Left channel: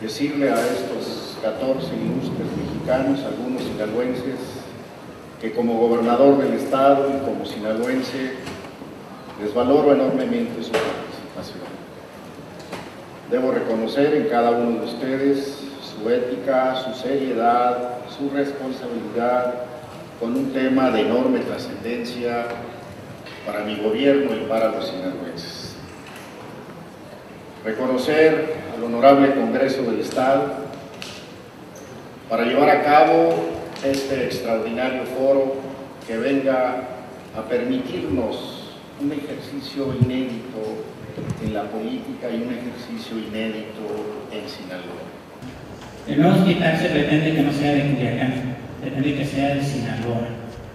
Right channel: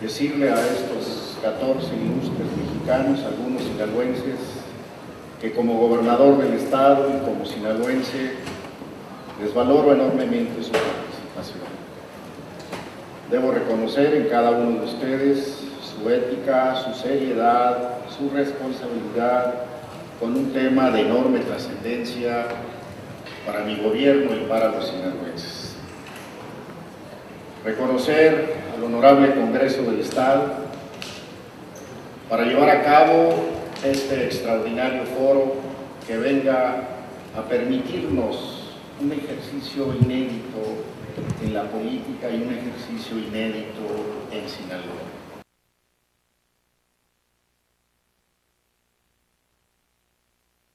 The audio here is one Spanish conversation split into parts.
decirle a estos 14 ilustres mexicanos, algunos sinaloenses, que como gobernador del estado y como sinaloense les valoro enormemente su participación. Debo reconocer en cada uno de ustedes su ética, su seriedad, su responsabilidad con un tema de enorme trascendencia para mi gobierno y para los sinaloenses. Reconocer al Honorable Congreso del Estado para llevar a cabo este extraordinario foro que venga a permitirnos un ejercicio inédito en la política y un ejercicio inédito en Sinaloa. El nuevo hospital se pretende que no sea de Culiacán, pretende que sea de Sinaloa,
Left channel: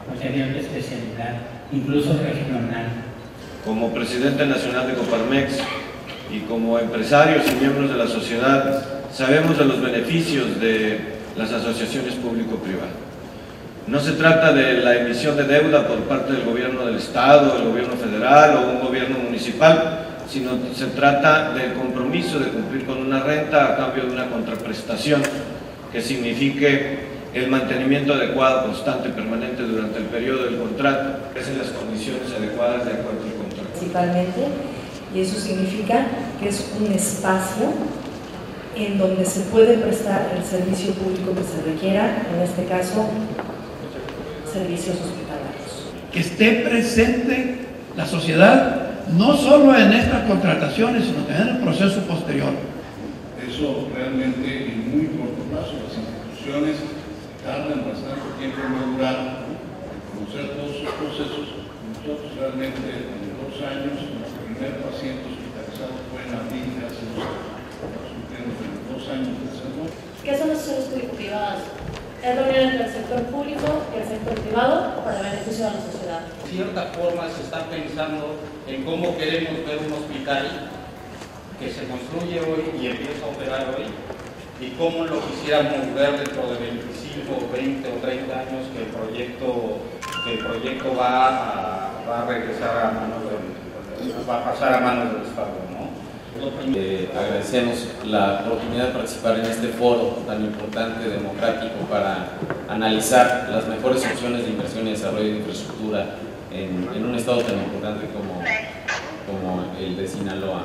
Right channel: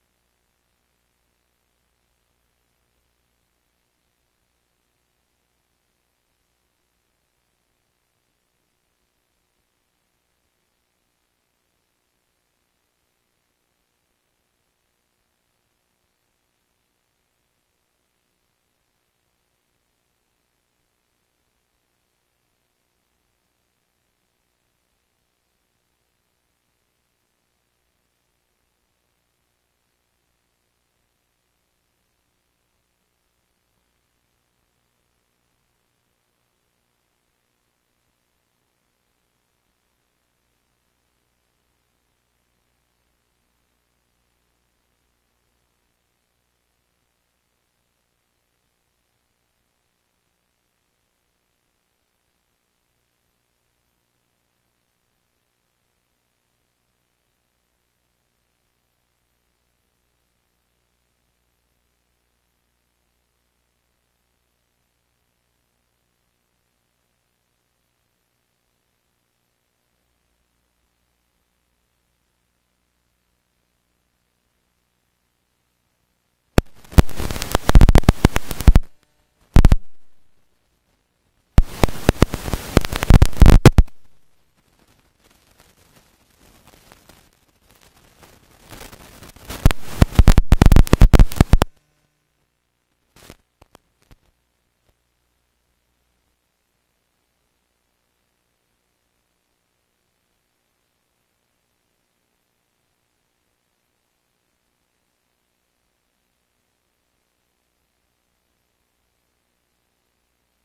porque hay otra especialidad, incluso regional. Como presidente nacional de Coparmex y como empresarios y miembros de la sociedad, sabemos de los beneficios de las asociaciones público-privadas. No se trata de la emisión de deuda por parte del gobierno del estado, del gobierno federal o un gobierno municipal, sino se trata del compromiso de cumplir con una renta a cambio de una contraprestación que signifique el mantenimiento adecuado, constante, permanente durante el periodo del contrato, es en las condiciones adecuadas de acuerdo al contrato. Principalmente, y eso significa que es un espacio en donde se puede prestar el servicio público que se requiera, en este caso, servicios hospitalarios. Que esté presente la sociedad, no solo en estas contrataciones, sino también en el proceso posterior. Eso realmente en muy corto plazo, las instituciones tardan bastante tiempo en madurar, en conocer todos sus procesos. Nosotros realmente en 2 años, nuestro primer paciente hospitalizado fue en abril de hace 2 años. En 2 años de hacerlo. ¿Qué son las asociaciones público-privadas? Es la unión entre el sector público y el sector privado para el beneficio de la sociedad. De cierta forma se está pensando en cómo queremos ver un hospital que se construye hoy y empieza a operar hoy, y cómo lo quisiéramos ver dentro de 25, 20 o 30 años que el proyecto va a regresar a manos va a pasar a manos del Estado, ¿no? Agradecemos la oportunidad de participar en este foro tan importante, democrático, para analizar las mejores opciones de inversión y desarrollo de infraestructura en un estado tan importante como el de Sinaloa.